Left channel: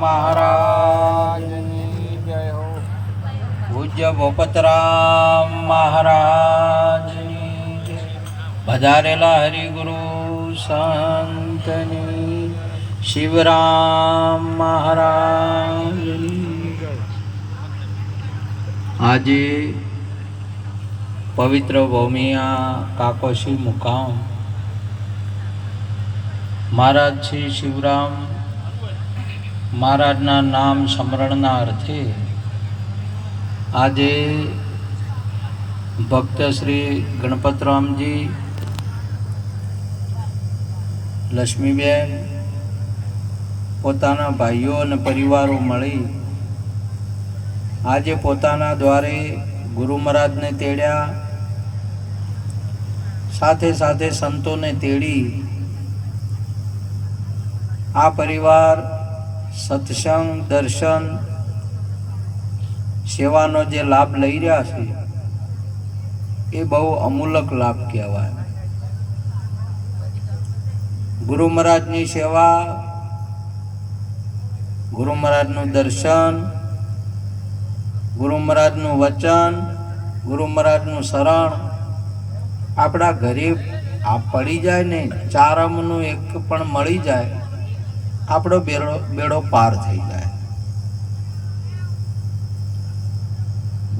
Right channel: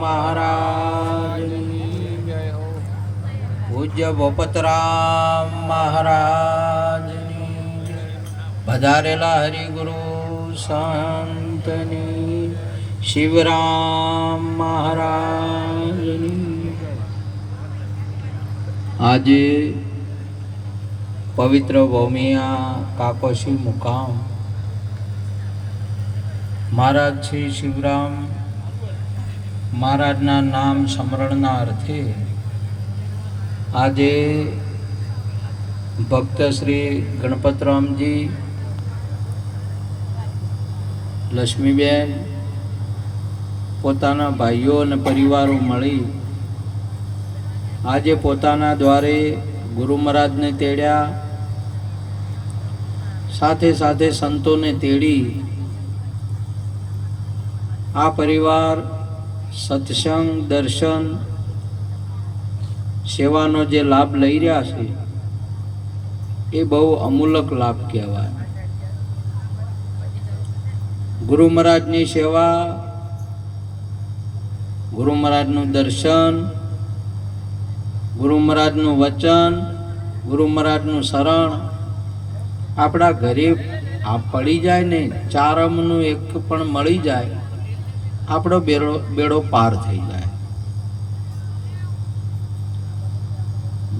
महाराज पूज्य भूपतराम महाराज पधारेला हरिगुरु संतनी शिवराम महाराज आज पवित्र भूमिया काकोशी मुकाम महाराज श्री शिवराम महाराजना नाम स्मरणना अर्थे આજે ભક્ત શ્રી ગણપતરામજી લક્ષ્મીબેન પોતાના ભાઈઓ અને પરિવારો મળી આજે પોતાના દ્વારે ગુરુ મહારાજને તેડ્યા, સાથે સાથે સંતોને તેડી આ પરિવાર સત્સંગ દર્શન સેવાનો જે લાભ લઈ રહ્યા છે એ બહુ અમૂલક લાભ કહેવાય. ગુરુ મહારાજની સેવા, ગુરુ મહારાજનું દર્શન, ગુરુ મહારાજનું વચન, ગુરુ મહારાજનું શરણ આપણા ઘરે આ પડી જાય ને, ચારમનું એક પણ મળી જાય, આપણો બેડો પાર થઈ જાય.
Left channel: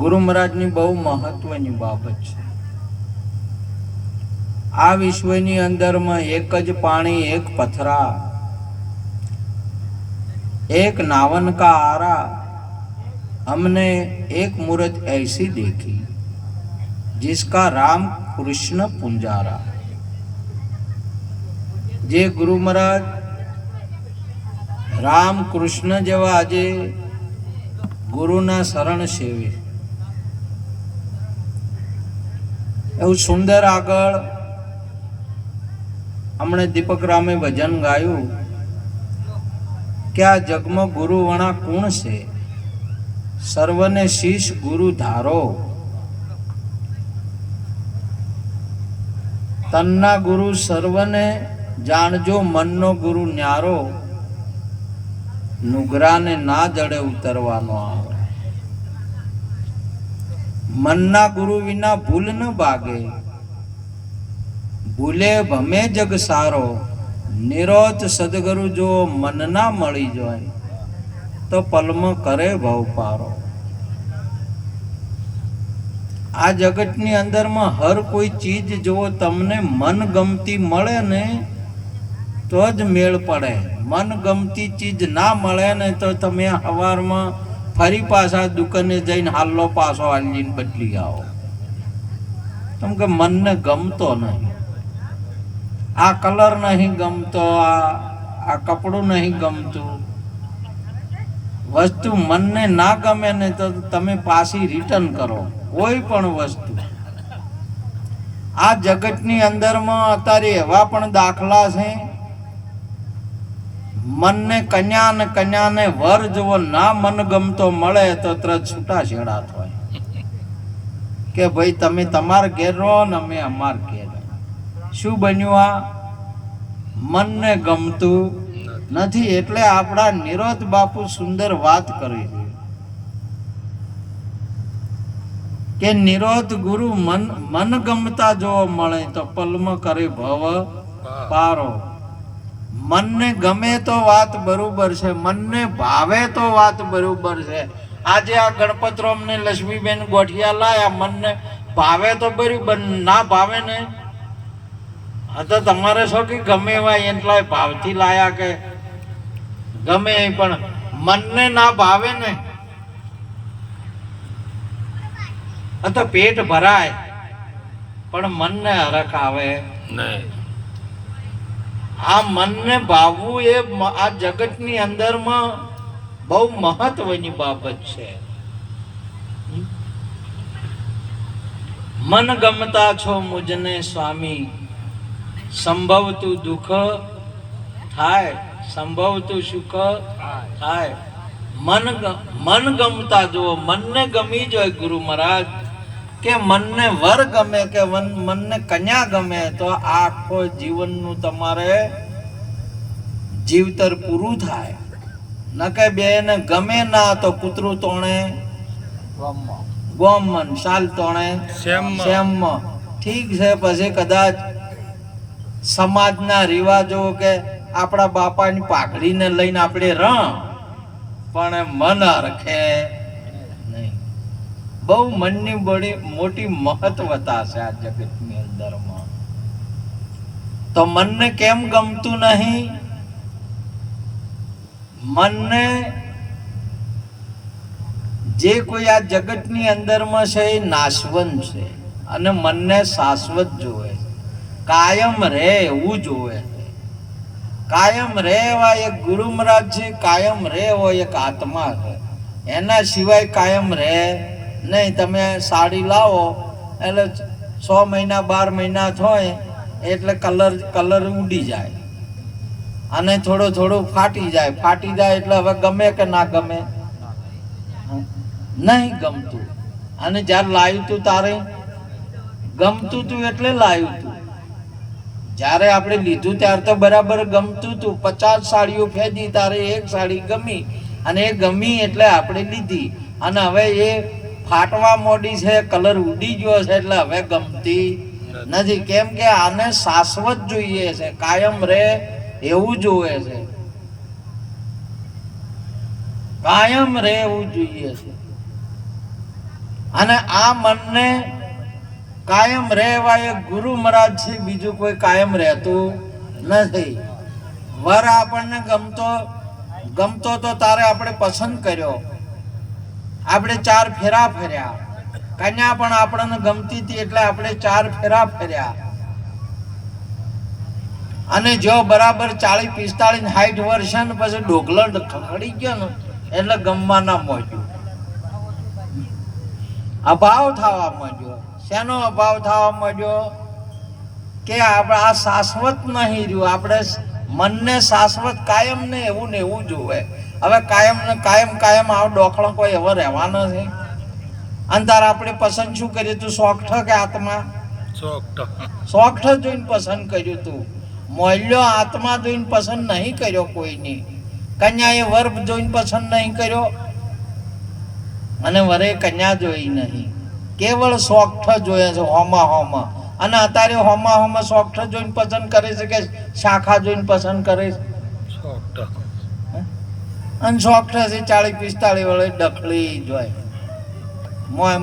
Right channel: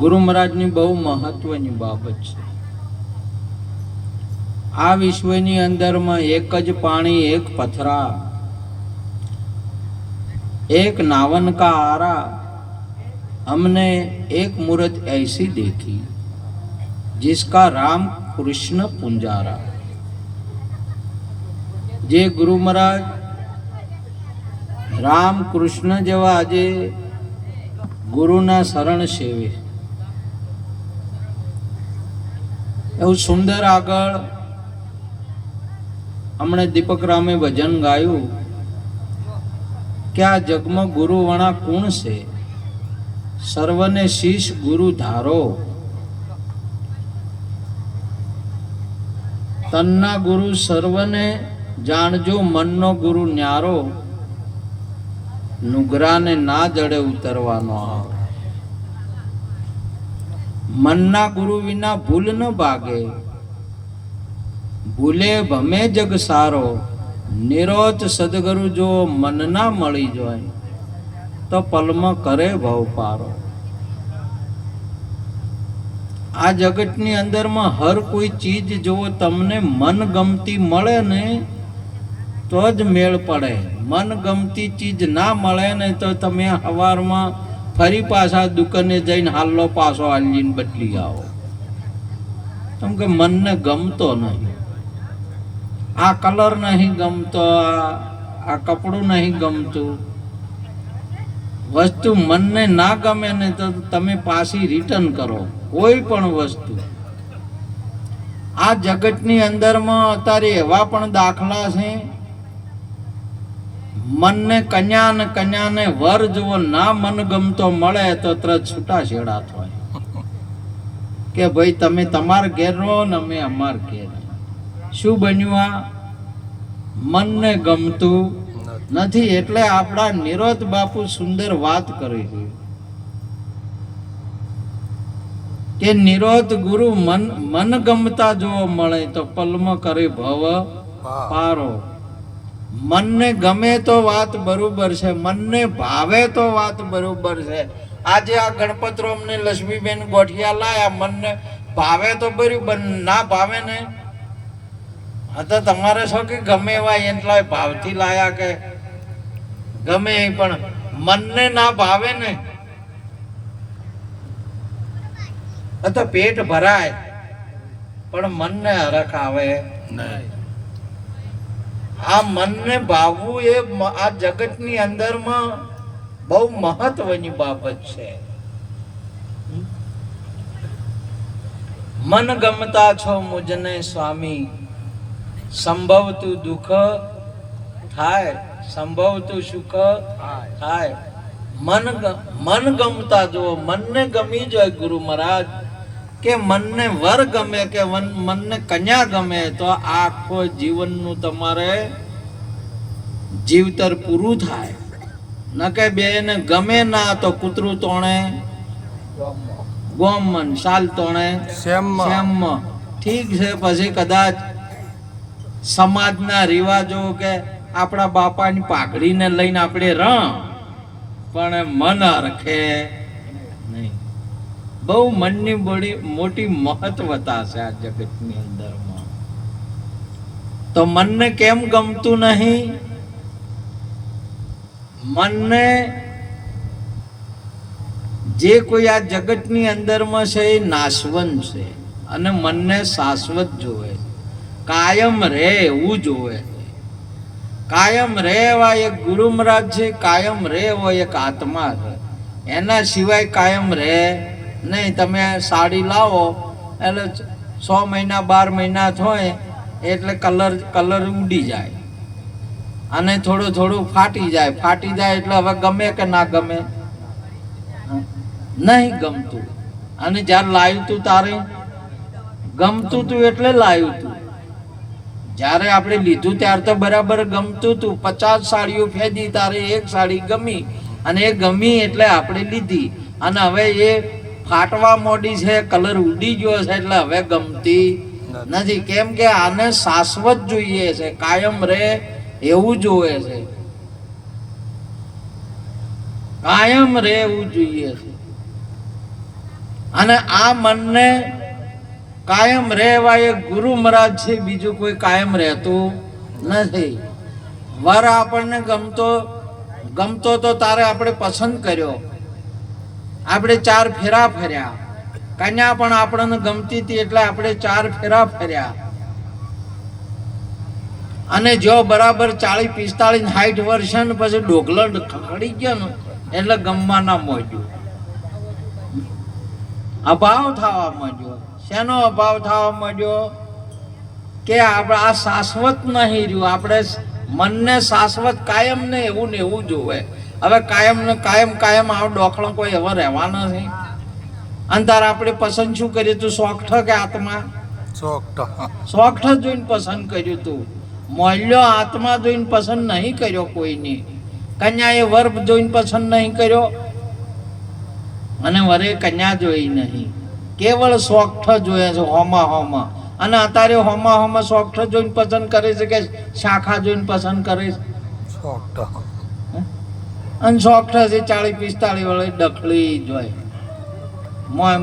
ગુરુ મહારાજની બહુ મહત્વની બાબત છે. આ વિશ્વની અંદરમાં એક જ પાણી, એક પથરા, एक नावन का आरा, हमने एक मूर्त ऐसी देखी जिसका राम कृष्ण पुंजारा. जे गुरु महाराज राम कृष्ण जेवा आजे गुरुना शरण सेवे એવું સુંદર આગળ हमने दीपक रामे भजन गायु क्या जगम गुरु वणा कुण से सर्वने शीश गुरु धारो. तन्ना गुरु सर्वने जाणजो मननो गुरु न्यारो. नुगरा ने ना जड़े उतरवानो आवरे. मनना गुरु विना भूल न भागे, भूले भमे जग सारो. निरोध सदगुरु जो मन ना मળી જોય તો પલમાં કરે ભવ પારો. આ જગતની અંદરમાં હર કોઈ ચીજ જો તમને મન ગમતી મળે ને તો જ મેળ પડે. મન ગમતી ચીજ ના મળે ને તો તમે સવારમાં ફરી પાછા દુકાને જઈને હાલ્લો પાછો હાલીને બદલી આવો, કેમ કે મનને ગમતો નહીં. આ કલર નહીં ગમતો, આ કપડું નહીં ગમતું. વસ્તુ મનને ના ગમે ને તો તમે પાછી રિટર્ન કરો કોઈ પણ વસ્તુ. આ જગતની અંદરમાં અત્યારે એવા પણ દાખલા છે, મનને કન્યાને વર જો ના મન ગમતો મળે તો તરત છૂટા છેડા થાય કે ભાઈ તમે તમાર ઘેર રહો ને અમે અમાર ઘેર. શું બન્યું? આ મનને ગમતું નથી. એટલે આપણા નિરોધ બાપુ સુંદર વાત કરી છે કે નિરોધ ગુરુ મન ગમતા જોવા મળે તો પલમાં કરે ભવ પારો. મનને ગમે તો વાત બરોબર છે, મનને ભાવે તો વાત બરોબર છે. આજે આ ગણપતરામ ને લક્ષ્મીબેન ગોઠિયા લાયા, મનને ભાવે તો બરોબર, ના ભાવે ને તો તમારે શું કે ગમે એવા એટલા ભાવથી લાયા કે ગમે, પણ મનને ના ભાવે ને તો પેટ ભરાય પણ મનને હરખ આવે નહીં. આ મનને ભાવવું એ આ જગતની અંદરમાં બહુ મહત્વની બાબત છે. મન ગમતા છો મુજને સ્વામી, સંભવતું દુઃખ થાય, સંભવતું સુખ થાય. મન ગમતા જો, મનને ગમી જાય ગુરુ મહારાજ કે મનને વર ગમે કે મનને કન્યા ગમે તો આખો જીવનનું તમારે જીવતર પૂરું થાય. નકે બેન ગમે ના તો કૂતરું તોણે ગોમન, સાલ તોણે સેમ. ઠીક છે, પછી કદાચ સમાજના રિવાજો કે આપણા બાપાની પાઘડીને લઈને આપણે પણ મન રખે નહીં. બહુ મનની બડી મોટી મહત્વતા છે આ જગતની અંદરમાં. તો મનને કેમ ગમતું નહીં? મનને જે કોઈ આ જગતની અંદરમાં છે એ નાશવંત છે અને મનને શાશ્વત જોવે, કાયમ રહે એવું જોવે. કાયમ રહે એવા એક ગુરુ મહારાજ છે, કાયમ રહે એવો એક આત્મા છે. એના સિવાય કાયમ રહે નહીં. તમે સાડી લાવો એટલે 6 મહિના 12 મહિના થાય એટલે કલર ઉડી જાય અને થોડું ફાટી જાય એટલે હવે ગમે કે ના ગમે, નહીં ગમતું. અને જ્યારે લાવ્યું તું તારે ગમતું તું એટલે લાવ્યું તું. જ્યારે આપણે લીધું ત્યારે તો બરાબર ગમતું તું. 50 સાડીઓ ફેંદી, તારે એક સાડી ગમી અને એ ગમી એટલે આપણે લીધી. અને હવે એ ફાટવા મોડી છે, કલર ઉડી ગયો છે એટલે હવે ગમતી નથી. કેમ કે આને શાશ્વત જોઈએ છે, કાયમ રહે એવું જોવે છે, કાયમ રહે એવું જોઈએ છે. અને આ મનને કાયમ રહેવા એક ગુરુ મહારાજ છે, બીજું કોઈ કાયમ રહેતું નથી. વર આપણને ગમતો તો તારે આપણે પસંદ કર્યો, આપણે 4 ફેરા ફર્યા. કન્યા પણ આપણને ગમતી હતી એટલે આપણે 4 ફેરા ફર્યા. અને જો બરાબર 40, 45, 60 વર્ષ ને પછી ડોગલો ખખડી ગયો ને એટલે ગમવા ના માંડ્યું, અભાવ થવા માંડ્યો. શેનો અભાવ થવા માંડ્યો? કે આપણે આ શાશ્વત નહીં રહ્યું. આપણે મનને શાશ્વત કાયમ ને એવું જોવે. હવે કાયમ આવો ડોખલો કોઈ એવો રહેવાનો છે? અંતર આપણે પસંદ શું કર્યું તું? સોગઠ કે આત્મા? સોગઠ જોઈને પસંદ કર્યું તું. મોલ્યો આત્મા જોઈને પસંદ નહીં કર્યો કોઈની. કન્યાએ વર જોઈને પસંદ નહીં કર્યો અને વરે કન્યા જોઈ નહીં. કેવળ સોગઠ જોયે છે હોમાં. અને અત્યારે હોમાં સોગઠ જોઈને પસંદ કરે છે કે શાખા જોઈને પસંદ કરે છે? અને સોગઠ છે 40, 45 વાળે ડખલી જોય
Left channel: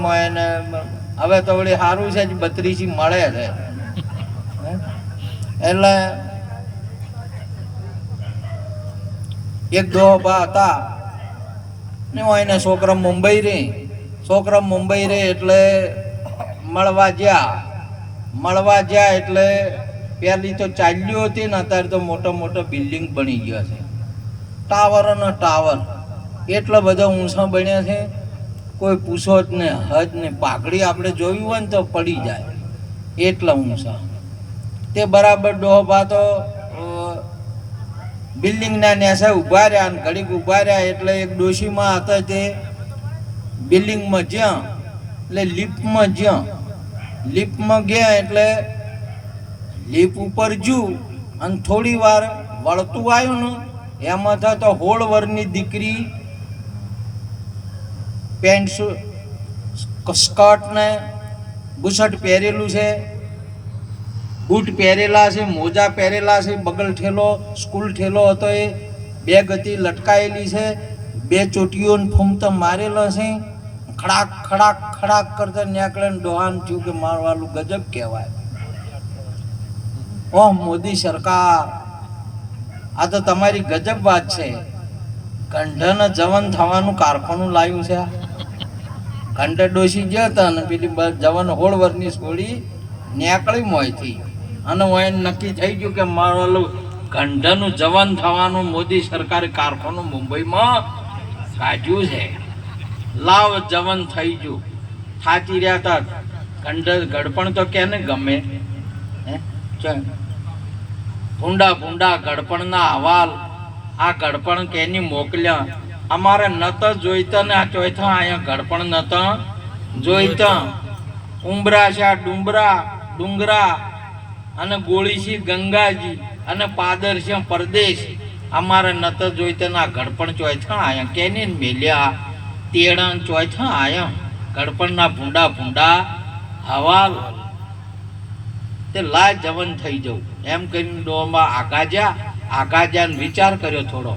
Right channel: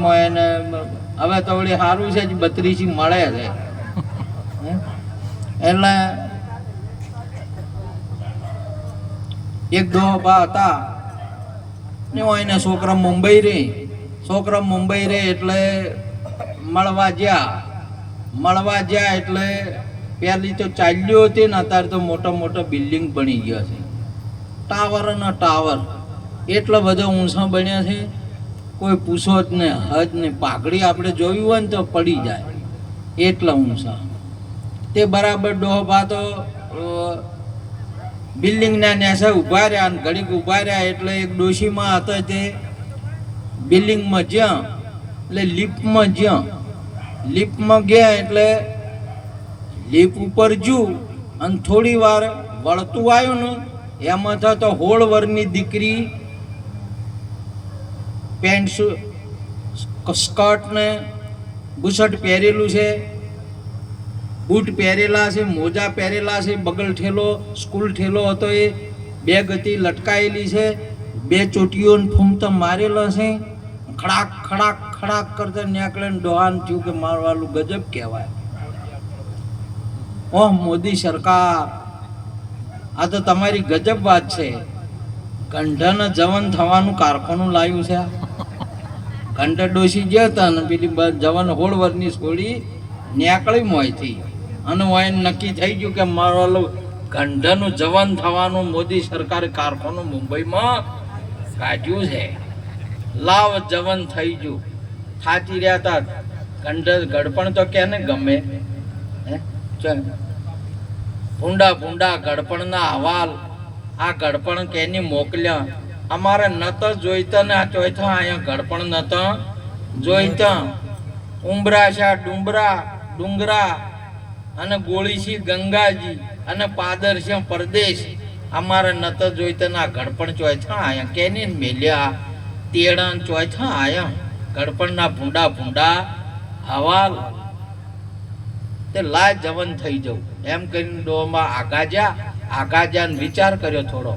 મોય ને. હવે તો વળી સારું છે 32 મળે છે. એટલે એક દોહબા હતા ને એને છોકરા મુંબઈ રે એટલે મળવા જ્યાં એટલે પહેલી તો ચાલ્યું હતી ને અત્યારે તો મોટો બિલ્ડિંગ બની ગયો છે. ટાવર એટલો બધા ઊંચા બન્યા છે, કોઈ પૂછો જ ને હજ ને. પાઘડી આપણે જોયું હોય ને તો પડી જાય એટલા ઊંચા. તે બરાબર ડોહબા તો બિલ્ડિંગના નેસે ઉભા રહ્યા અને ઘડીક ઉભા રહ્યા એટલે એક ડોશીમાં હતા તે બિલ્ડિંગમાં જ્યાં એટલે લિફ્ટમાં ગયા એટલે લિફ્ટ ઉપર જુ અને થોડી વાર વળતું આવ્યું ને એમાં તો 16 વર્ષની દીકરી પેન્ટ સ્કર્ટ ને બુશર્ટ પહેરેલું છે, બૂટ પહેરેલા છે, મોજા પહેરેલા છે, બગલ ઠેલો સ્કૂલ ઠેલો હતો, એ બેગ હતી લટકાયેલી છે, 2 ચોટીઓને ફૂમતો મારેલો છે. ખડાક કરતા નીકળે ને ડોહાન થયું કે મારવાલું ગજબ કહેવાય. ઓહ મોદી સરકાર, આ તો તમારી ગજબ વાત છે. કંઠાના જવાન થવાનું કારખાનું લાવ્યું છે. કંઠા ડોસી ગયા હતા ને પેલી જવાન 16 વર્ષની છોડી નીકળી મોયથી અને હોય નક્કી થઈ ગયું કે મારવાલું કંઠાનું જવાન થવાનું મોદી સરકારે કારખાનું મુંબઈમાં કાઢ્યું છે. લાવ જવાન થઈ ગયું. થાચી રહ્યા હતા. ગડપણ તો કેને ગમે? ભૂંડા ગડપણના હવાલ આ ગડપણ કેની મોકલ્યા. અમારે નત જોઈતા ને આ ચોથા અહીંયા ગડપણ નત જોઈતા. ઉંબરા છે ડુંગરા અને ગોળી છે ગંગાજી અને પાદર છે પરદેશ. અમારે નતો જોઈતો ના ગડપણ ચોય છે આયા કેને મેલ્યા તેડણ ચોય છે આયા ગડપણના ભૂંડા ભૂંડા હવાલ તે લાય જવન થઈ જવું એમ કહીને ડોમાં આગાજ્યા વિચાર કર્યો થોડો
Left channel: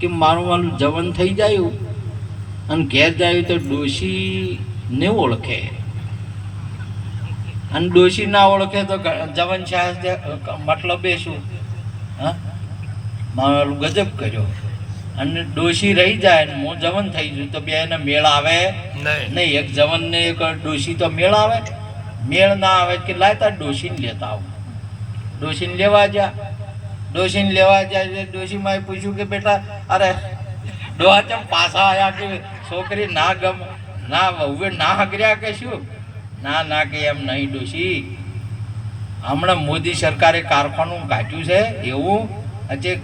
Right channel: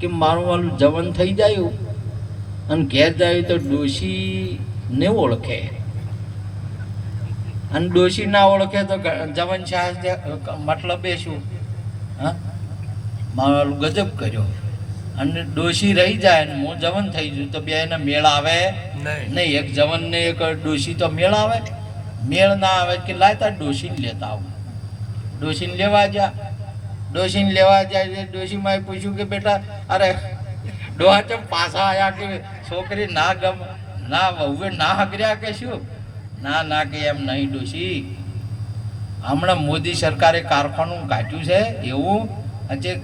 કે મારું વાલું જવન થઈ જાય અને ઘેર જાય તો ડોશી ને ઓળખે અને ડોશી ના ઓળખે તો જવન શાહ મતલબ એ શું? હા, મારું ગજબ કર્યો અને ડોશી રહી જાય ને હું જવન થઈ જઉં તો બે એને મેળ આવે નહીં. એક જવન ને એક ડોશી તો મેળ આવે? મેળ ના આવે કે લાય તાર ડોશીને લેતા આવું. ડોશીને લેવા જાય ડોશીમાં પૂછ્યું કે બેટા અરે ડોહા ચમ પાછા આવ્યા કે છોકરી ના ગમ ના હવે ના હગર્યા કે શું? ના કે એમ નહીં ડોશી, હમણાં મોદી સરકારે કારખાનું કાઢ્યું છે એવું હજી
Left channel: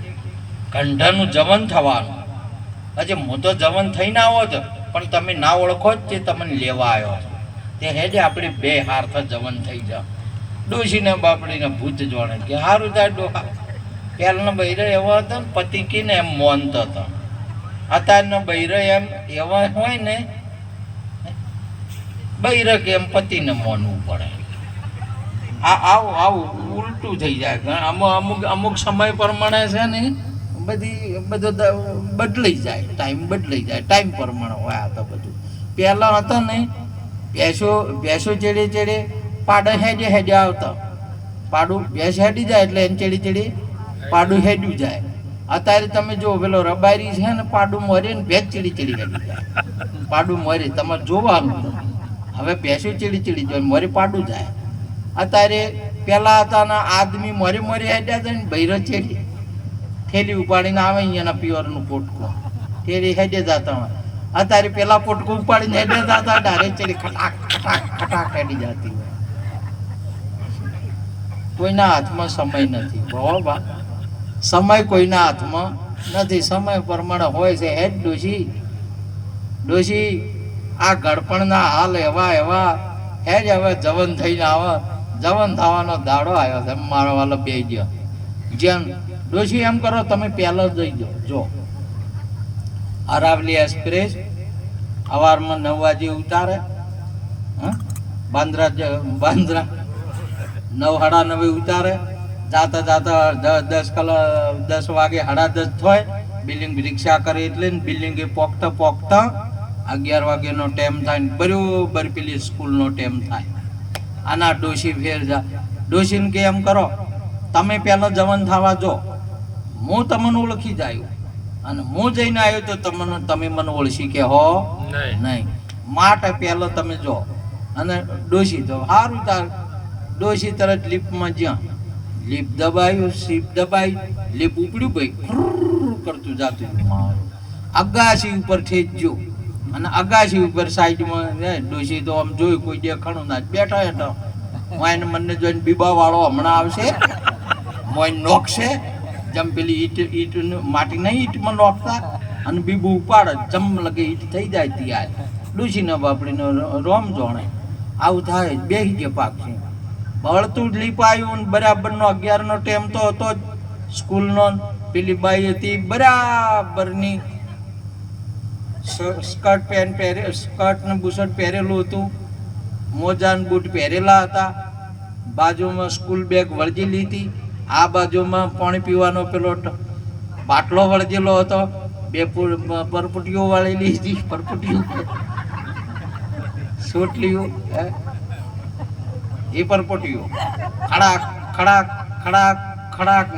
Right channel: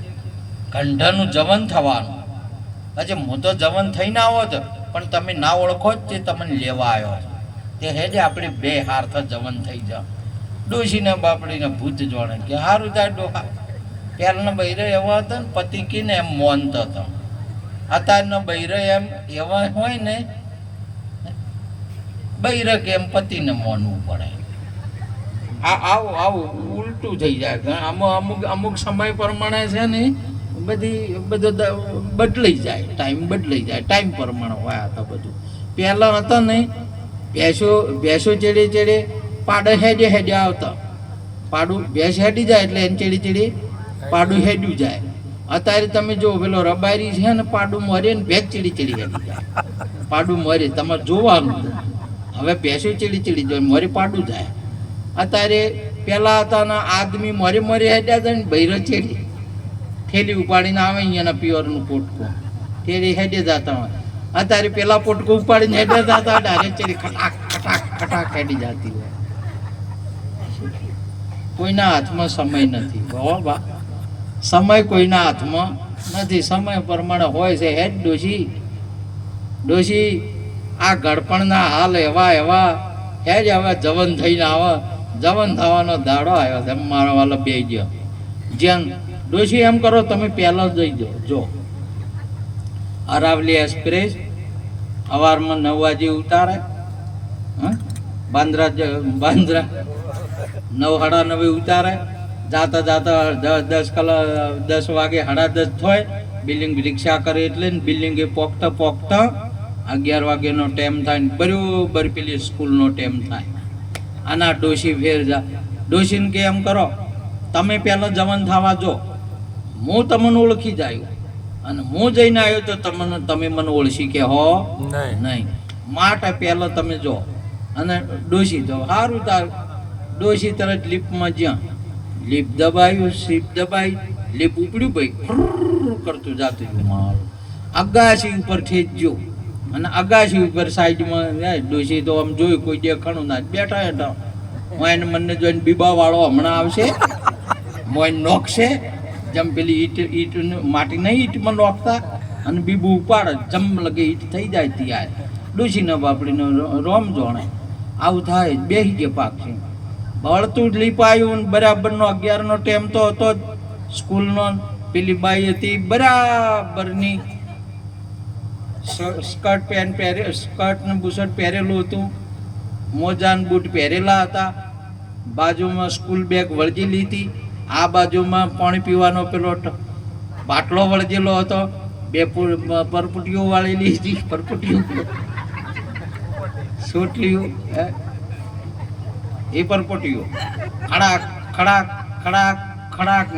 કંઠાનું જવન થવાનું. હજી હું તો જવન થઈને આવો તો પણ તમે ના ઓળખો જ તે તમને લેવા આવ્યો છો તે હેજે આપણે બે હાર્થ જવન થઈ જાવ. ડોશીને બાપડીને ભૂત જોડે કે સારું થાય ડોહા. પહેલાના બૈરો એવા હતા ને પતિ કીને એમ મોનતો હતો. અત્યારના બૈરો એમ એવા હોય ને બૈરો કે એમ પતિને મોનવું પડે. આવું ઉલટું થઈ જાય. અમુક સમય પ્રમાણે છે ને બધું બદલાઈ જાય, ટાઈમ બદલાઈ જાય, ટાઈમ પ્રમાણે હોય આ તો બધું. પહેલાં હતા ને ભેંસો ચેડે પાડે હેડે આવતા. પાડું ભેંસ હેડી જાય એટલે એને ચેડી પાડું હેડ્યું જાય. અત્યારે તમે જો પેલો રબારી છે ને પાડું મરે ને ભેંસ ચીડી હેડી જાય. પાડું મરે તમારે જોવાનું. હવે ભેંસો ચીડી જાય મરે પાડું જાય. અત્યારે પેલા હતા ને આદમી મરે હેડ્યા હતા ને બૈરો ચેડી થેલી ઉપાડીને આવે અહીંયાના પિયરનું પોટકું તેડી હેડે જતા હોય. અત્યારે પેલા પોટકું ઉપાડીને હેડે જતા ડાયરેક્ટ ચેડી ખટાક હેડી જતી હોય. કોઈના હાથમાં સમય નથી બાબા, સમય કોઈના હાથમાં નથી. સમય પ્રમાણે હોય છે. હેડ ડોશી આ ગડપણના હાલ એવા હેજ હવે જવન થઈને આવે. જવન થવાનો દાડો આવ્યો છે મારો વાલો બે ગયો. જેમ ડોશી એમ કરો તમે પહેલો જ જઈ જો અરાવલી એક્સપ્રેસ સવારમાં 9 વાગે ઉતારે. બાંદ્રા 9:30 ઉતારે. જાતા 10 વાગે 10:30 થાય. બિલ્ડિંગ રિક્ષા કરે એટલે બિલ્ડિંગે પોકતા 11 વાગ્યાનો ટાઈમ થાય ને બરોબર પેલી સ્કૂલનો ટાઈમ થાય. આના ડોશી ફેર જા. ડોશીને કે એમ કરો તમે પહેલો જવન થવા જો, હું તમને ઓળખી જાય અને હું જઈને આવ્યો તો તમે મને ઓળખી કે હો નહીં. માટે પહેલો તમે જો અને ડોશી તો સારું તાર. ડોશી તરત લીપમાં જ્યાં લીપ દબાયું, સીપ દબાઈ, લીપ ઉપડ્યું ભાઈ કરતું જાતું મારું અગાશી ઉપર ઠેચજો અને અગાશી ઉપર સાઈડમાં ડોશી તો આમ જોયું કોઈ દેખાણું ના બેઠા હેઠા. વાઈને મને જોઈને બીબા વાળો હમણાં આવશે, મોઈને નોખશે. જેમ પેલી ઈટ માટીના ઈટમાં નોખતા અને બીબું ઉપાડે જમ લગે ઈટ થઈ જાય ત્યાં ડોશીના બાપડીને રોમ જોણે. આવું થાય બેસી ગયા પાક છે. બળતું લીપ આવ્યું બરાબરનો 11નો ટાઈમ તો હતો જ સ્કૂલનો. પેલી બાઈ હતી બરાબરની સ્કર્ટ ને બુશર્ટ પહેરેલું હતું, મોજા ને બૂટ પહેરેલા હતા. બાજુમાં સ્કૂલ બેગ વળગેલી હતી. આ બાજુમાં પાણી પીવાનો પેલો બાટલો વળગેલો હતો. 2 પરપુટીઓ વાળેલી હતી. પરપુટીઓ સોટલીઓ એ પરપોટીઓ ખડાક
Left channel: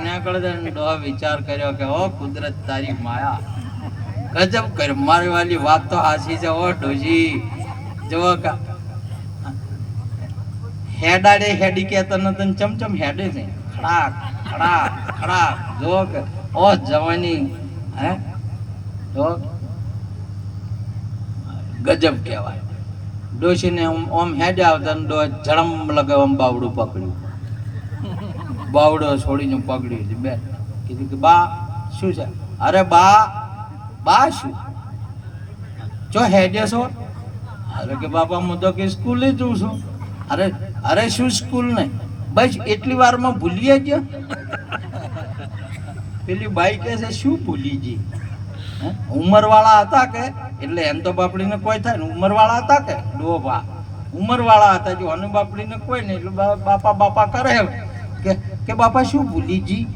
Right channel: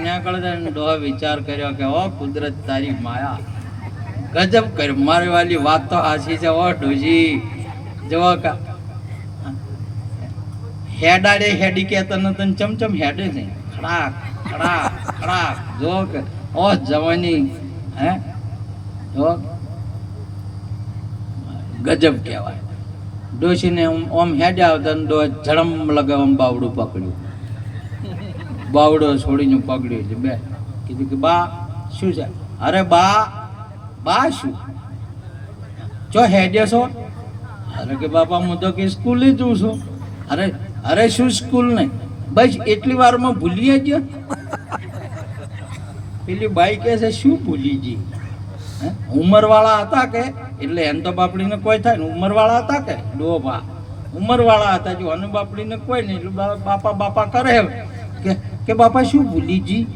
ન્યા કરે. ડોહા વિચાર કર્યો કે ઓ કુદરત તારી માયા ગજબ કર. મારી વાલી વાત તો આછી છે. ઓ ડોશી જો હેડાડે હેડી કેતા નતું ચમચમ હેડે છે. ખડાક જો કે ઓ જવાની હે જો ગજબ કહેવાય. ડોશીને ઓમ હેડે આવતા ડો ઝડમ લગાવવા બાવડું પકડ્યું. બાવડો છોડીને પકડ્યું છે. બે કીધું કે બા શું છે? અરે બા શું જો હેડે છો? અરે કે બાપા હું તો કે સ્કૂલે જઉં છું. અરે શું સ્કૂલ નહીં બસ એટલી વારમાં ભૂલીએ ગયો. પેલી બાઈ કહે છે શું ભૂલી ગઈ? ઉંમરવાળા હતા કે એટલે એમ તો બાપડીને કોઈ થાય ને, ઉંમરવાળા હતા કે ડોબા ઉંમરવાળા હતા, જો અને બાપડીને કોઈ નહીં એટલે બાપા બાપા કરે કે બાપા શું ભૂલી ગઈ?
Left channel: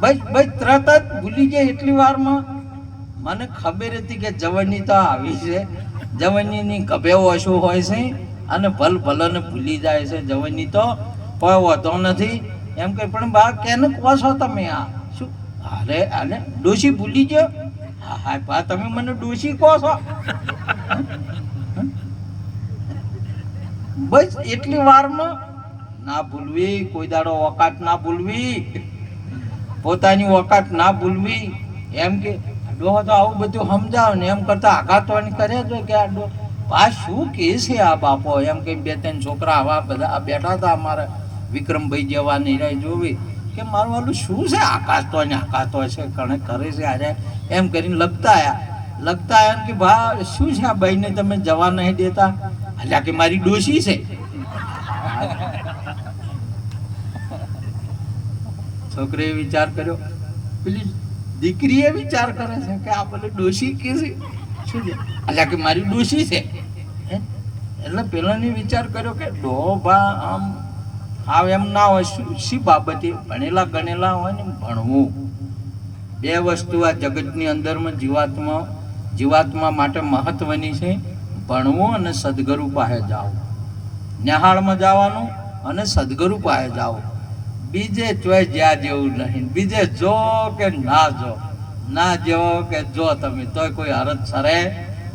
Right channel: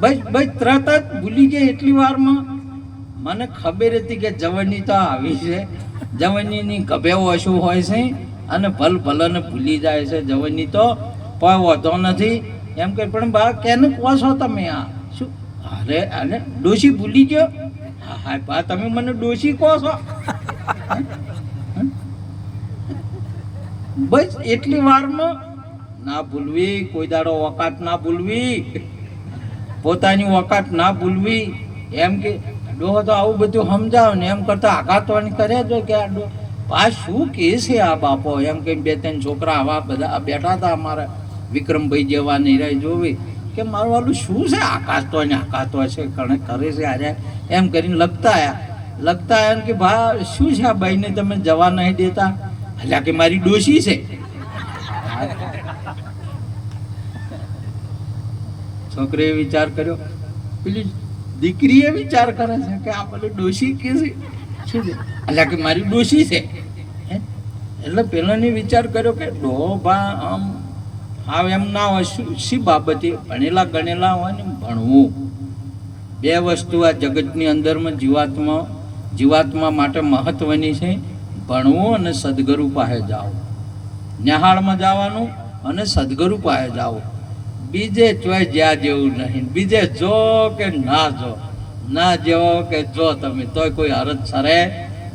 બસ બસ તરત જ ભૂલી જાય એટલી વારમાં. મને ખબર હતી કે જવાની તો આવી છે, જવાનીની ગભેવો શું હોય છે અને ભલ ભલને ભૂલી જાય છે જવાની, તો કોઈ હોતો નથી એમ કે. પણ બા કેને કહો છો તમે? આ શું? અરે અરે ડોશી ભૂલી ગયો? હા હા બા તમે મને ડોશી કહો છો? બસ એટલી વારમાં ના ભૂલવી, કોઈ દાડો વકાત ના ભૂલવી, પોતાની વકાત ના ભૂલવી. એમ કે ડોહો તો આવું બધું સમજાવ ને એમ કરતા આઘાતવાણી કરે જો કે આ આ શું કે છે આ બાપો? એમ કે બે ત્રણ છોકરા આવા બધા બેઠા હતા અમારે વિક્રમભાઈ જેવા નિરાય જોવી કે મારું વાલું શું છે આકાશતો ને આકાશતો છે કણે કરે છે આજે એમ કરીને લગતા આયા એમ કે ભા શું છે આ ભાઈને તમે જવા નહીં દેતા? એટલે કે મારી ડોશી છે. છોકરીએ વિચાર કર્યો, પેલી દીકરીએ વિચાર કરે છે કે આ પેલી ડોશી કે છે શું છે? એટલે કે મારી ડોશી છે. એટલે પેલાની વિચાર કર્યો કે ડોભા આમ આવ એમ ના હોય. શી બાબતે? ભણેલા ગણેલા હોય ને ભણવું. બે વસ્તુ આ જગતની અંદરમાં જીવાત્મા માટે મહત્વની છે, ભણવું અને સદગુરુ પાસે જાઓ. નિહાળમાં જવાનું અને સદગુરુ પાસે જાઓ. બીજે ચોય જ્યાં જેવું નહીં. બીજે જો કે ના જો, ના જેવો કે જો તમે તોય કોઈ હરજ સરે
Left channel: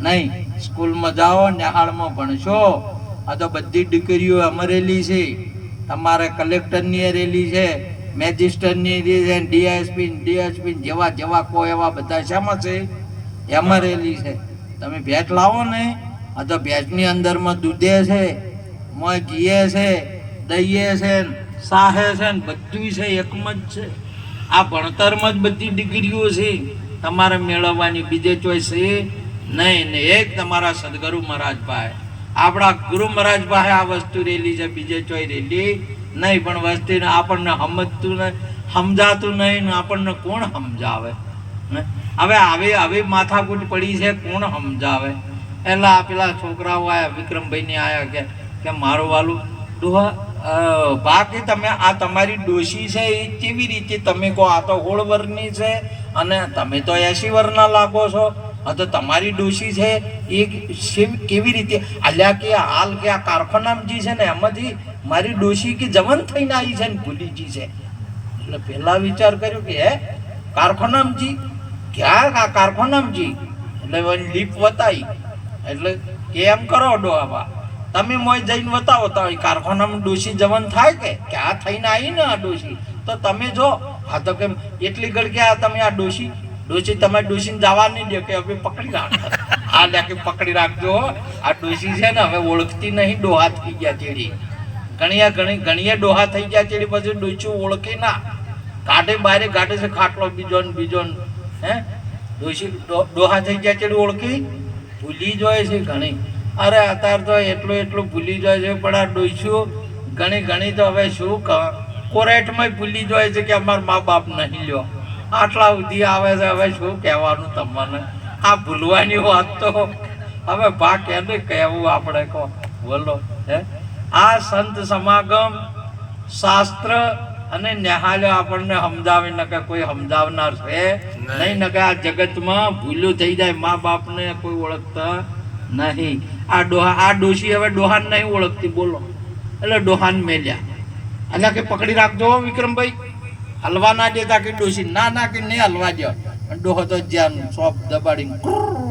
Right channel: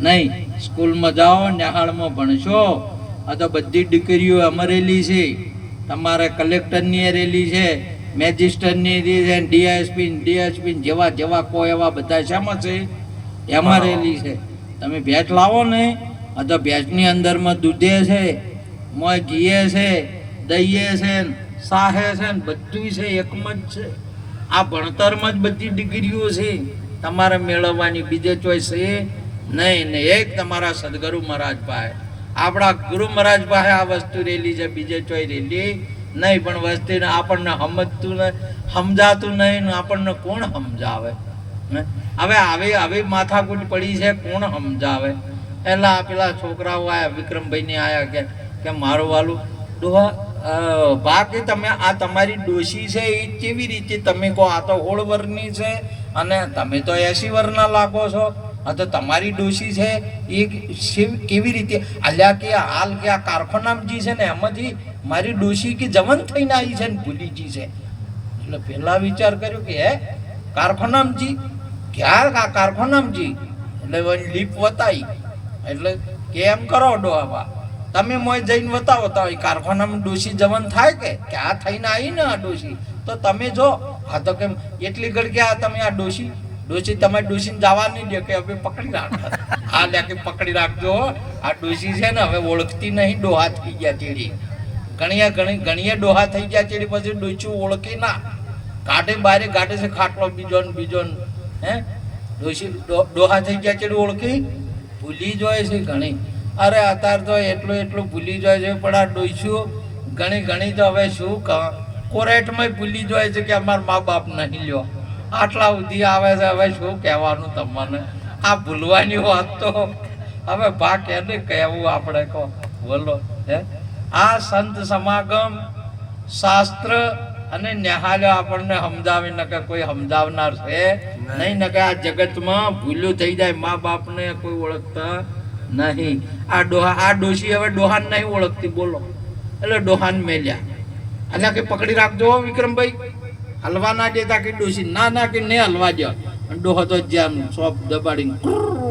નહીં. સ્કૂલમાં જાઓ, નિહાળમાં ભણશો. આ તો બધી દીકરીઓ અમરેલી છે, તમારે કલેક્ટરની રેલી છે, મેજિસ્ટરની છે, ડીએસપી જેવા જેવા કોઈ એવા બધા શામાં છે? એમાં રેલી છે. તમે ભેટ લાવો ને, આ તો ભેટની અંદરમાં દૂધે છે, મોય ઘીએ છે, દહીએ છે, સાહે છે ને બધું છે, એકમાં જ છે. આ ભણતરમાં જ બધી ડિગ્રીઓ છે તમારે મેળવવાની, બીજે ચોઈસ છે નહીં. ને એક તમારા સદગુરુ મહારાજ પાસે, આપણા ગુરુ મહારાજ પાસે આ વસ્તુ રેલી છે, બીજે ચોઈ રેલી નહીં. પણ વસ્તીને આપણને સમજતું નહીં, સમજાતું નહીં ને આપણને કોણ સમજાવે? હવે આવી માથાકૂટ પડી છે, કોણ સમજાવે? એટલે આ પેલા છોકરાઓ આયા, વિક્રમભાઈને આયા કે મારું વાલું ડોહા બાકી તમે આ તમારી ડોશી છે એ કેવી રીતે તમે કહો? આ તો 16 વર્ષની છે અને તમે તો 80 વર્ષના લાગો છો. હા તો તમારી ડોશી છે એ કેવી રીતે? અલ્યા કે હાલ કે આ કારખાનામાં છે ને એમાંથી મારી ડોશી કે જવન થઈને આવી છે ને ભૂલીજી છે. એટલે પેલા વિચાર કર્યો કે હે કારખાનામાં ક્યાં આ કારખાનામાં? એટલે લીપ વતાવી. એટલે કેમ કરો ડોહાબા, તમે મોય જઈને બતાવો તો કારખાનામાં ડોશી જવન થાય કે આ થઈને આવી ને આ ડોશી? તો તમે જો હા તો કેમ એટલી ઘડ કે આ તમે આ ડોશી તમારી ડોશીને જવા નહીં દે કે હવે પકડી રાખો. હા લે કે પકડી રાખજો. આ ડોશી છે ને હવે ઓળખતી નહીં, ડોહા થઈ ગયા ચેડી. ઘણીએ ડોહા થઈ ગયા ચેડી, પછી ડોશી ઓળખી ના, કાઢે બારે કાઢે છે ખાટલો બીજો ને બીજો ને. હે ડોશી ડોહા થઈ ગયા ચેડી ઓળખી ભૂલી જાય છે ઘણી. અરે અત્યારે તો એટલું ભૂલી જાય છે. પણ આ ડોસ્યું ઘણી તો હવે શું કોરેટમાં ભૂલી જાય છે કે અમારા મા બાપ નહીં લ્યો, આટલા સુધી આવે છે. હવે શું કહેવાનું તમને? આ ભૂલવાની વાત તો હવે ભા કેને કહેવું આપણે કહો? બોલો. હે આ સંત સમાગમ શાસ્ત્ર અને ન્યાહાલ્ય આપણને સમજાવી ન કે કોઈ સમજાવનાર છે નહીં. ન કે આ જગતમાં ભૂલ્યું થઈ જાય, મા બાપને કોઈ ઓળખતા નહીં. આ ડોશી હવે ડોહાન નહીં ઓળખતી, બોલો. એટલે ડોહાન મેલ્યા. એટલે કે પકડી રાખજો વિક્રમભાઈ, હલવા ના દેતા કે ડોશી ના કે નહીં હલવા દો. ડોહો તો જ્યાં સોપ દબાડીને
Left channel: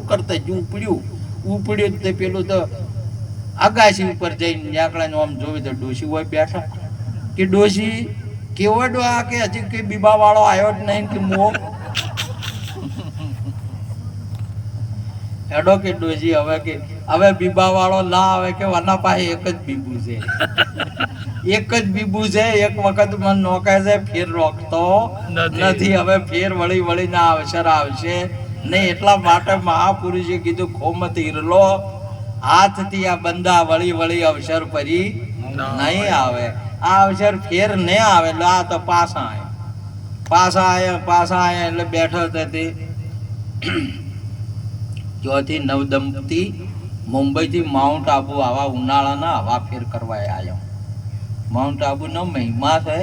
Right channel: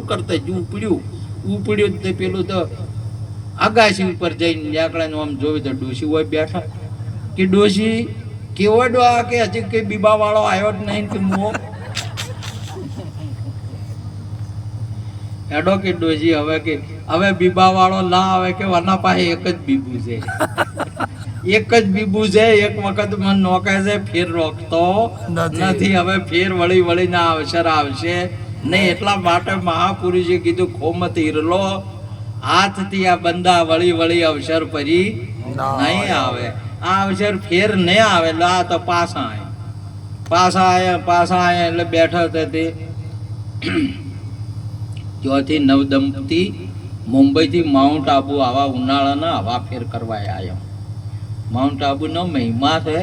કરતા જ ઉપડ્યું તે પેલું તો અગાશી ઉપર જઈને આંકડાનું આમ જોયું તો ડોશી હોય બેઠા. કે ડોશી કેવો ડોહા કે હજી કઈ બીબા વાળો આવ્યો જ નહીં કે મો હેડો કે ડોશી હવે બીબા વાળો ના આવે કે વના પાસે એક જ બીબું છે, એક જ બીબું છે. એક વખત મન નોકે છે, ફેર રોકતો નથી. હવે ફેર વળીને અવસર આવશે નહીં. એટલા માટે મહાપુરુષે કીધું ખોમત હિરલો હાથથી આ બંદા વળી અવસર પરી નહીં આવે. આ અવસર ફેર નહીં આવે, લા તો પાછા આવે. પાછા આયા એટલે બેઠા હતા તે ત્યાંથી નવદંપતિ મુંબઈથી માઉન્ટ આબુ આવા ઉનાળાના હવા ફેર કરવા આવ્યા. માઉન્ટ આબુ નો મહિમા છે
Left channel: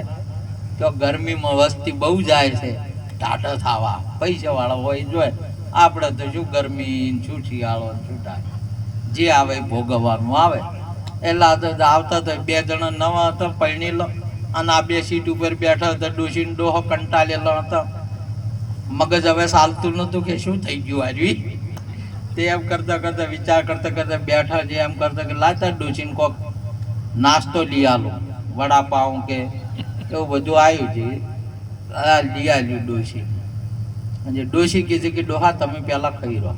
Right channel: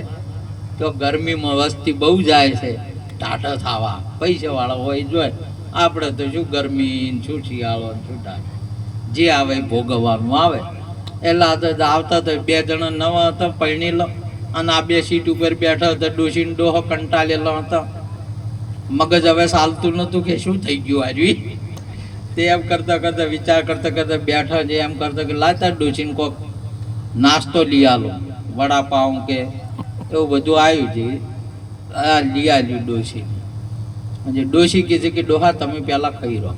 તો ગરમીમાં વસ્તી બહુ જાય છે ટાટો થવા, પૈસા વાળો હોય જોઈ. આપણે તો શું ગરમી શું શિયાળો શું ટાટો જે આવે એ ભોગવવાનું આવે. એટલે આવતા તો 2 જણા નવા હતા પૈણી લો, અને આ 2 સીટ ઉપર બેઠા હતા. ડોશીને ડોહો કંટાળેલો હતા, મગજ હવે ચાલતું નતું કે શું થઈ ગયું હારી. તે એમ કરતા કરતા વિચાર કરતા કરતા બેઠા છે. એમ કરતા કે લાતા ડોશીને કોક નાસ્તો લઈ આલો, વડાપાઉં કે એવું બધું આવ્યું છે. આ લઈ આવ્યું ડોશી. ડોશી કહે છે કે ડોહા તમે પહેલા ખાઈ રહો.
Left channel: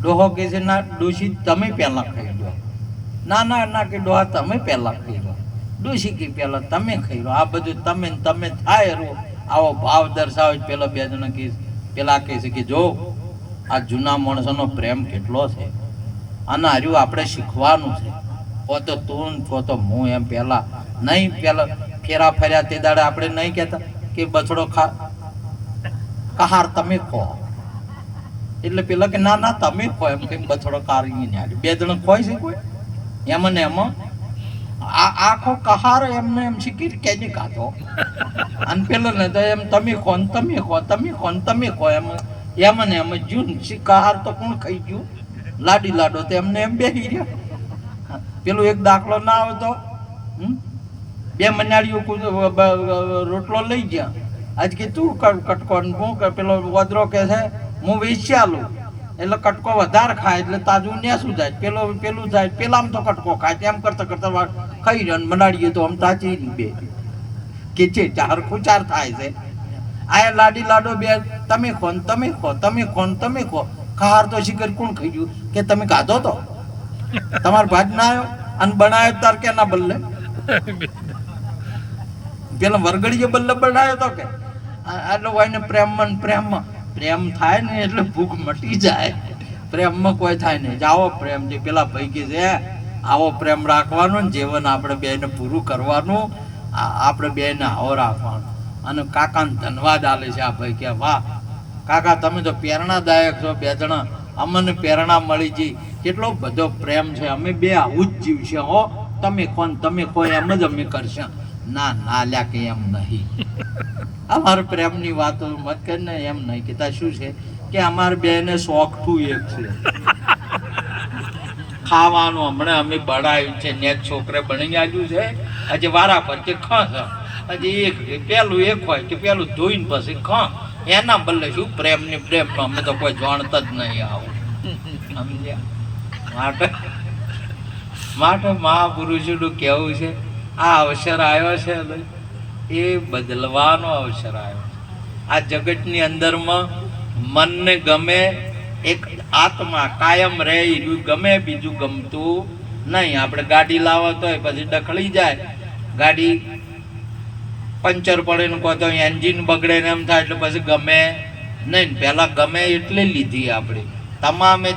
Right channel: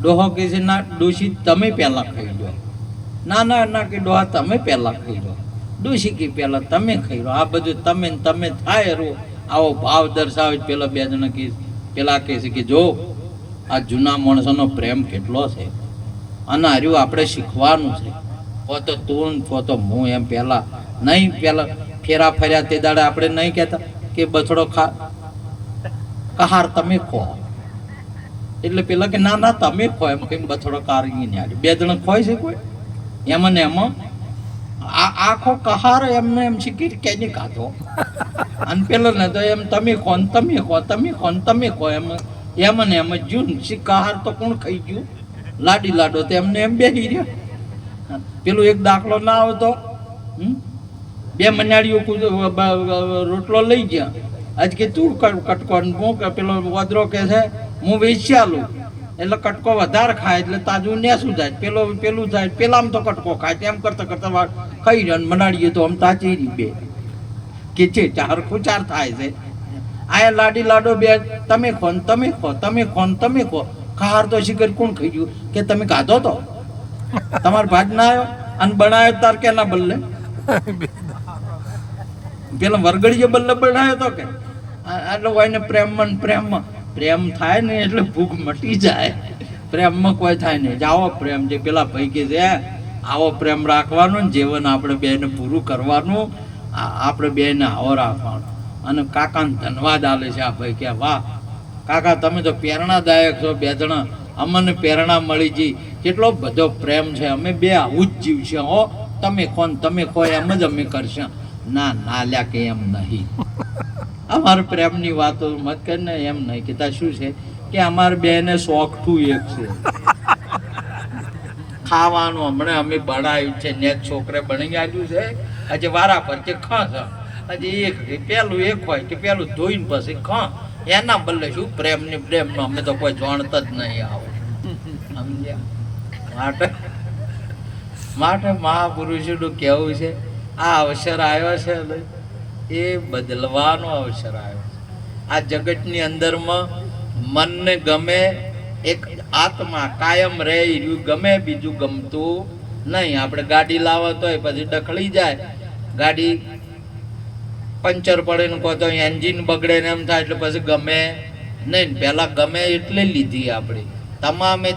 ડોહો કહે છે ના ડોશી તમે પહેલા ખાઈ લો. ના ના ના કે ડોહા તમે પહેલા ખાઈ લો. ડોશી કે પહેલા તમે ખાઈ લો. આ બધું તમે ને તમે થાય રો આવો ભાવ દર્શાવે. પેલા 2 જણા કે પેલા કહે છે કે જો આ જૂના માણસોનો પ્રેમ કેટલો છે, અને હાર્યું આપણે શીખવાનું છે. તો તું તો હું એમ પહેલા નહીં, પેલા ફેરા ફર્યા તે દાડે આપણે નહીં કહેતા કે બછડો કહાર તમે ખો. એટલે પેલા કે ના ના તમે ખો એમ કે બછડો કારી ને 2 જણા ખોય છે કોઈ એમાં ને એમાં આખો કહાર એમને એમ શીખી કેજી ખાધો. અને પેલો ને તો એમ તમે ખો ને તમે ખો, તમે ખો ને તમે ખો એમાં ને એમ જૂન કહાર તો કોણ ખાઈ ગયું? લાડી લાડો તો એમને એમ બેસી ગયો. પેલો એક દાખલો ના આવતો, 2 મનાડીઓ રોટલો લઈ ગયા. આજ કે તું કટકો, હું પેલો વદરો કે છે હું વેચ્યાલું એટલે કટકો વધારે ખાય એટલે તાજું નેસું જાય, પેલું જાય પેલામાં તો કટકો ખાય. તેમ કરતા કરતા ખાઈ રહ્યા મનાડીએ તો આમ તાચી બે કે છે હરખું 4 થાય છે. આ લાડી લાડો 2 તમે ખો ને તમે ખો, તમે ખો ને તમે ખો. ખાર તો શીખર કોણ ખાઈ ગયું કે તમે ખાધો તો તમારો ભાગ ના આવ્યો અને બનાવ્યો તાર કે ના બદલે પેલા વરગડીએ બદલે બનાવ્યો તો કે આટલો હોય પ્રેમમાં પ્રેમ થાય ને એટલે ભૂખ મટી જાય. પ્રેમમાં કોઈ થાય નહીં. આવો પ્રેમ જે પેલા ભાઈ કે છે આવો પ્રેમ રાખવાનો ને જીવન આપણે બેને પૂરું કરવાનું, આપણે બેને આવો રાખવાનું. અને કાકાને ધન્યવાદ આલે છે આ ભાઈ કે વાહ કાકા તમે તો પ્રેરણાદાયક છો. 2 જણા અમને પ્રેરણા મળી ગઈ. કેટલો બધો પ્રેમ છે. અમે 2 આવું જ જીવશે હો. તમે ખો ને તમે ખો એમ જ અમે કરશે. ના ના લ્યા કે એમ નહીં. અમારા પ્રેમની વાતો મત કરીને એમ નહીં કહેતા. શું છે કે અમારે 2 ને શોખઠું એક છે ખાવાનું. હમણાં અમે બનાવ્યું છે ને છોકરે બની આવ્યું છે. હજી વારા પર કે ખસ હજી એક પેલું એક હોય કે પેલું ધોઈને પછી ખ એના બદલે શું પ્રેમની પ્રેમનો અમે તો કોઈ જાણતા જ નહીં. આવું સમજ્યા? માટે મહાપુરુષોનું કહેવું છે આ અવસર આવ્યો છે એ બદલવાનો અવસર આવ્યો છે. આ જગતની અંદરમાં મનને ગમે એક આત્મા કાયમ રહે રહ્યું ગમે, બીજું ગમતું નહીં. આપણે ગાડી લાવો તોય પછી ડખડી જાય, ગાડી પંચર પડે ને કહો તો એન્જિન બગડે ને એમ થાય એટલે પછી ગમે નહીં. પહેલાં ગમે એટલે લીધી આપણે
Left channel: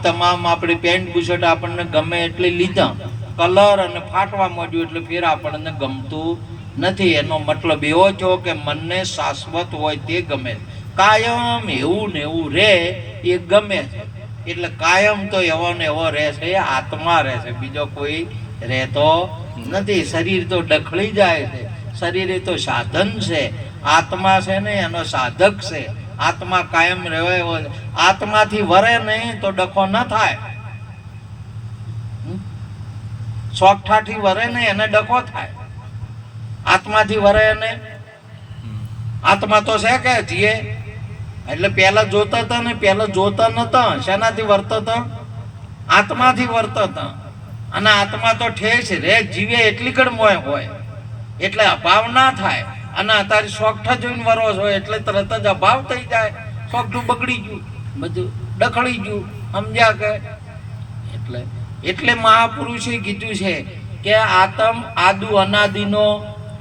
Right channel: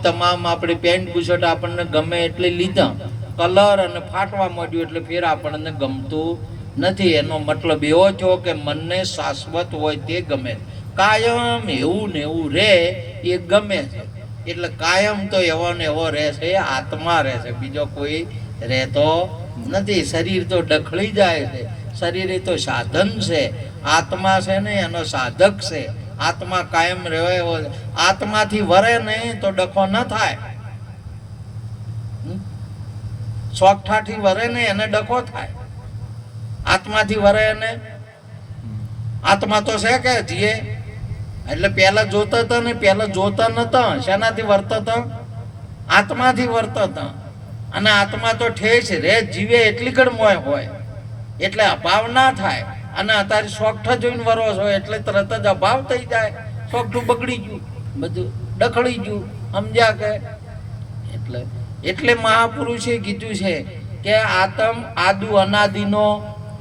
તમામ આપણે પેન્ટ બુશર્ટ આપણને ગમે એટલે લીધા, કલર અને ફાટવા માંડ્યું એટલે ફેર આપણને ગમતું નથી. એનો મતલબ એવો છો કે મનને શાશ્વત હોય તે ગમે. કાયમ એવું ને એવું રહે એ ગમે છે. એટલે કાયમ તો એવો ને એવો રહેશે, આત્મા રહેશે, બીજો કોઈ રહેતો નથી. શરીર તો ડખડી જાય છે, શરીર એ તો સાધન છે, આત્મા છે ને એનો સાધક છે. આત્મા કાયમ રહે. આત્માથી વરે નહીં તો ડખો ન થાય. સોગઠાથી વરે નહીં એને ડખો થાય. આત્માથી વરે એને આત્મા તો છે કે જીએ એટલે પેલા જોતા હતા ને પેલા જોતા નતા. શેનાથી વર્તા હતા? આત્માથી વર્તા હતા. અને આત્મા તો ઠેસ રે જીવે એટલી કડમોય હોય એટલે અભાવ ના થાય. અને અત્યારે સોગઠા જોઈને વરો છો એટલે તરત જ અભાવ થઈ જાય. સોગઠું બગડી ગયું, બધું ડખડી ગયું. સમજ્યા કે? એટલે મહાપુરુષે કીધું છે કે આત્મ આદુ અનાદિનો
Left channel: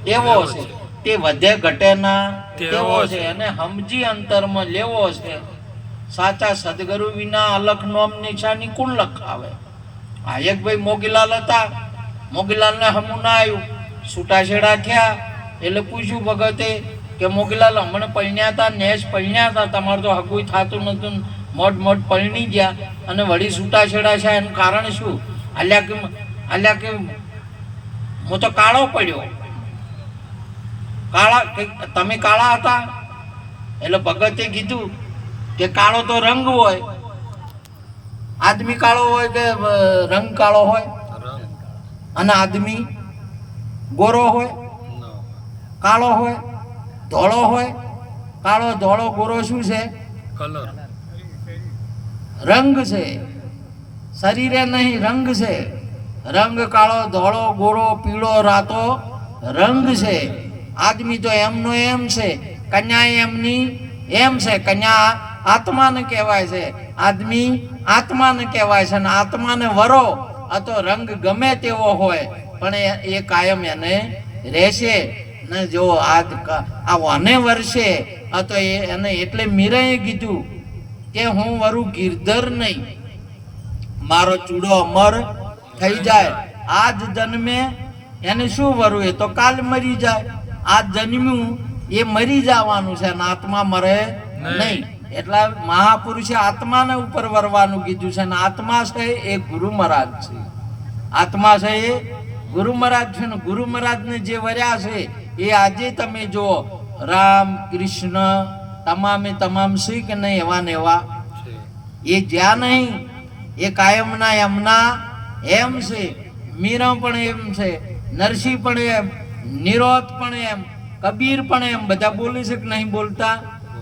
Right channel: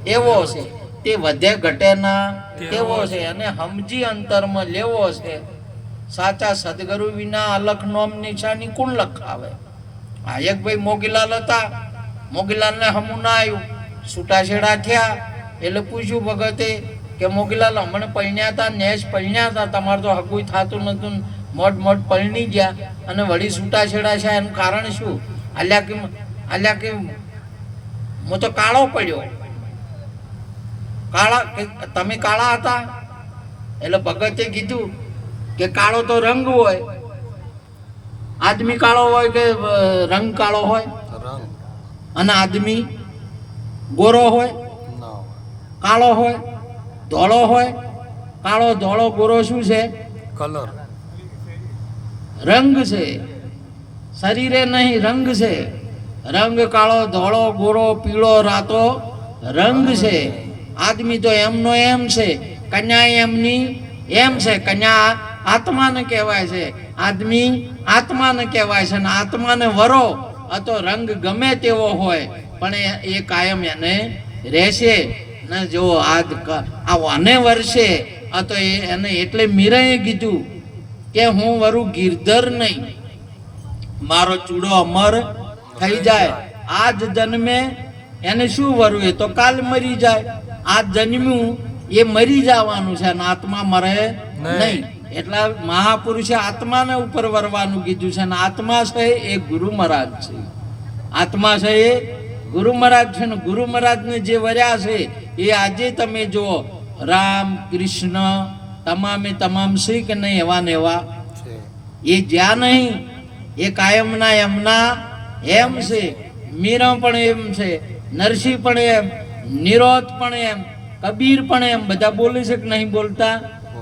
એવો છે, તે વધે ઘટે ના તેવો છે, અને સમજી અંતરમાં લેવો છે. સાચા સદગુરુ વિના અલખ નોમ નિશાની કોણ લખાવે? આ એક ભાઈ મોગીલાલ હતા, મોગીલાલ ને હમું ના આવ્યું, છૂટાછેડા થયા એટલે પૂછ્યું ભગતે કે મોગીલાલ હમણાં પૈણ્યા હતા, નેશ પૈણ્યા હતા, તમારે તો હગું થતું નતું, મોટ પૈણી ગયા અને વળી છૂટાછેડા છે, એનું કારણ શું? આલ્યા કે હું તો કાળો પડ્યો. તમે કાળા હતા? એટલે ભગતે કીધું કે કાળો તો રંગ હોય, આદમી કાળો હોય કે રંગ કાળો હોય? અને આદમી ગોરો હોય, કાળો હોય, ધોળો હોય? કાળો ધોળો ગોરો શું છે? કલર, રંગ છે, શરીરે નહીં, રંગ છે. રંગ કાળો ધોળો ગોરો પીળો રાતો રંગ છે. આદમી તો એમનો એમ છે, કન્યા એમની એમ છે. કન્યા આત્માને કહેવાય છે, આદમી આત્માને કહેવાય છે. અને આત્માને વરો આ તો રંગ ગમે તેવો હોય પણ એ કાયમ એને રહેશે ને. જો આ વાને વર્ષે આ તો એને એટલે મીરાએ કીધું કે હું વરું ગિરધર નહીં, મારો ચૂડો અમર થઈ જાય. આજ જન્મે એને શું વરું? એ તો કાલ મરી જાય. આજ જન્મ્યું એ મરી જવાનું છે અને આત્મા મરે નહીં. એટલા મહાપુરુષે આત્માને ઉપર વરવાનું કીધું છે. અને આત્મા છે એ ગુરુ મહારાજ છે. આત્મા છે એ ગુરુ મહારાજ છે. ને ગુરુ મહારાજને જે વર્યા છે એ આજે તમે જો રામ કૃષ્ણ તમામ શીખ નહીં એવા ને એવા એ જ્યાં નહીં, એ કાયમના એમના એમ છે. મીરા પણ એમ છે, નરસિંહ પણ એમ, નિરોધ પણ એમ, કબીર પણ એમ. બધા બોલે છે કે નહીં બોલતા?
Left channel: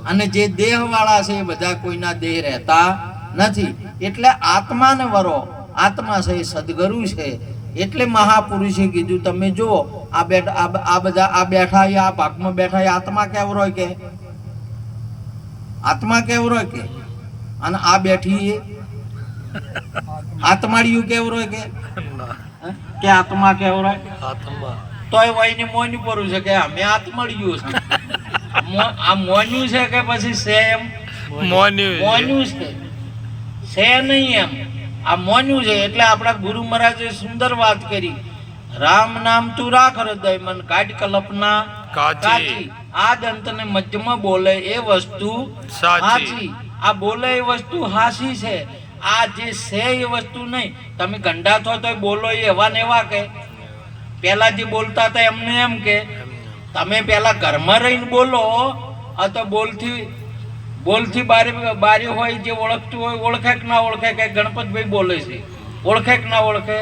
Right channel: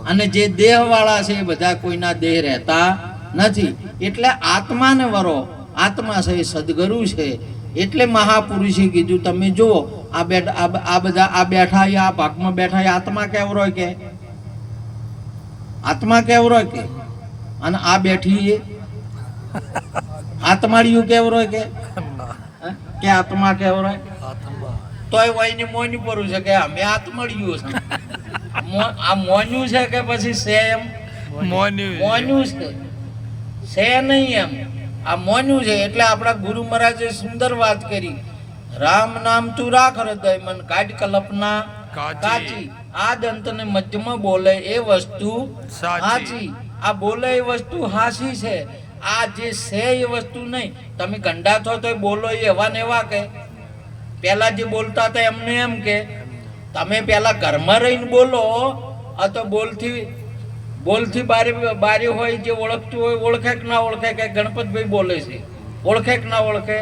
અને જે દેહ વાળા છે એ બધા કોઈના દેહ રહેતા નથી. એટલે આત્માને વરો, આત્મા છે એ સદગુરુ છે. એટલે મહાપુરુષે કીધું તમે જુઓ આ બધા આ બેઠા, આ ભાગમાં બેઠા, આત્મા કેવરો કે આત્મા કેવરો કે? અને આ બેઠી એ આત્માડિયું કેવરો કે આત્મા કેવરો? તોય વહીને મોન્યું પડું છે કે અમે આત્માડિયું છે. આ મોન્યું છે કે પછી છે એમ? મોન્યું છે નહીં એમ, આ મોન્યું છે. એટલે આપણા ગુરુ મહારાજે સુંદર વાત કરી, રામ નામ તું રાખ હૃદય મન, કાઢ કલ્પના કાચી. આ દંતને મધ્યમાં બોલે એ વસ્તુ સાચી. આ બોલે એ વસ્તુ હાસી છે. આ જે છે એ વસ્તુ નહીં. તમે ગંડા થો તો બોલો એ એવા ને એવા કે પેલા જે બોલતા હતા એમને એમ કે તમે પેલા ઘરમાં રહીને બોલો. આ તો બોલથી બારી હોય, જે ઓળખતું હોય ઓળખે કે ના ઓળખે કે ગણપતભાઈ બોલે છે, ઓળખે કે ના ઓળખે?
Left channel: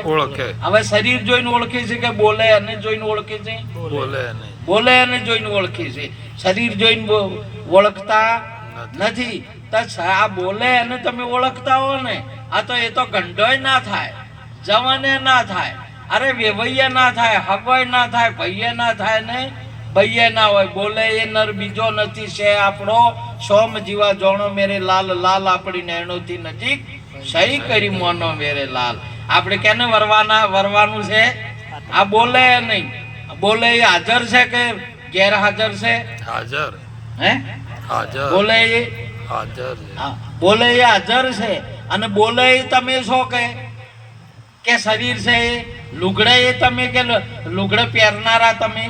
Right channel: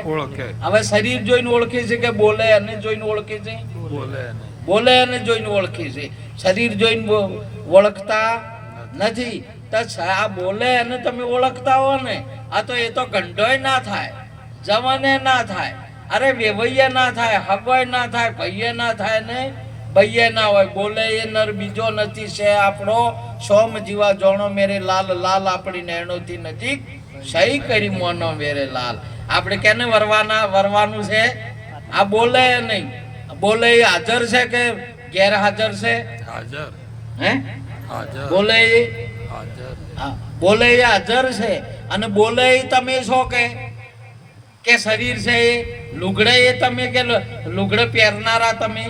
હવે શરીર જોઈને ઓળખે છે કે બોલે અને જોઈને ઓળખે છે? બોલે અને જોઈને ઓળખે છે, શરીર જોઈને ઓળખતા નથી. આ બોલે અને તમે ઓળખતા હો ને, આ તો એ તો ગંડોય ના થાય, જવાને ના થાય, અરે વેવૈયા ના થાય, હગવાય ના થાય, ભૈયા ના થાય ને ભૈયા ના હોય. બોલે એ નર બીજો નથી છે આપણો, સોમ જીવા જોણો મેરે લાલ, લાલ આપણી નૈણોથી નજીક સહી કરી મોનો મેરે લાલ. આપણે કેને વરવાનું છે? આ બોલે નહીં. બોલે એ હાજર છે કે ગેરહાજર છે? હાજર. હે હાજર. બોલે એ હાજર. બોલે એ હાજર છે. અને બોલે એ તમે છો કે શરીર છે એ લુગડે એ તમે કે લુગડે પહેરનારા? તમે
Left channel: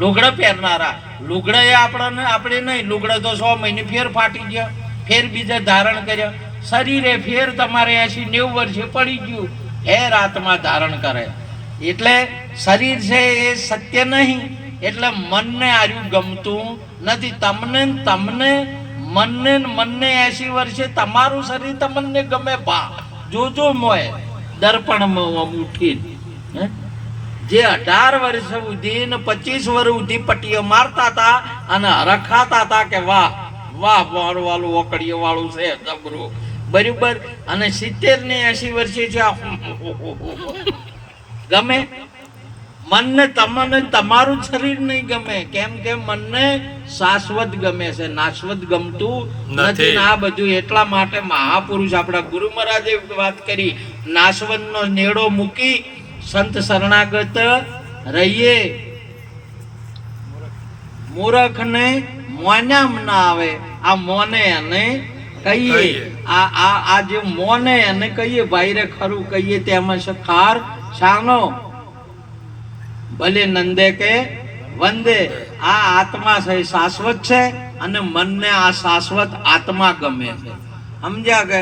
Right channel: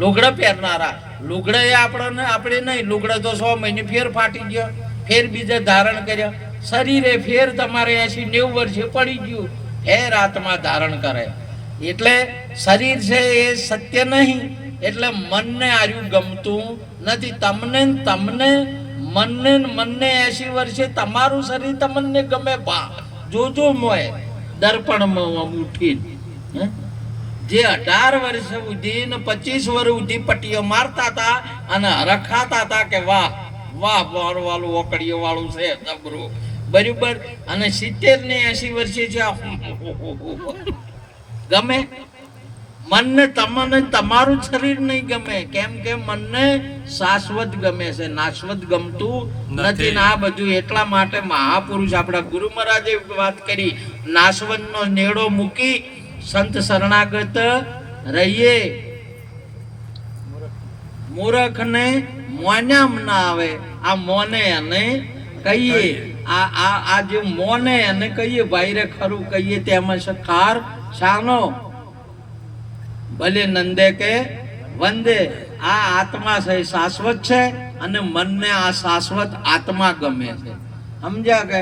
લુગડે પહેરનારા. લુગડે એ આપણે નહીં. લુગડે તો 100 મહિને ફેર ફાટી ગયો, ફેર બીજે ધારણ કર્યો. શરીરે ફેર તમારે 80-90 વર્ષે પડી ગયું, ફેર આત્મા ધારણ કરે. એટલે શરીર છે એ સત્ય નહીં. એટલે મનને આર્યું ગમતું નથી. મનને 80 વર્ષે તમારું શરીર તમને ગમે. જોજો મોય દર્પણમાં ઉઠી જે 18 વર્ષ સુધી ને 25 વર્ષ સુધી પટ્ટીઓ મારતા હતા અને હરખાતા હતા કે વાહ વાહ વાળું ઓકડીઓ વાળું છે જબરું, બરાબર. અને 70 ને 80 વર્ષે છે ગમે. મનને તમને તમારું શરીર નહીં ગમે. કેમ કે મનને શાશ્વત ગમે છે, નાશવત ગમતું નથી. આ બધું એટલા માટે મહાપુરુષ આપણા ગુરુ મહારાજે વાત કરી, નાશવત નો નેડો મૂકી સંત શરણાગત રહીએ. મૂર્ખ ને મોન્યામ ના આવે. આ મોને અને કહીએ, આ જે મોને અને કહીએ ભાઈ રે ખરું કહીએ તેમાં છે ખાર શાનો. ભલે નંદે કે વંદે. આ આત્મા છે એ શાશ્વત છે અને મનને આ શાશ્વત આત્મા ગમે છે. સમજ્યા કે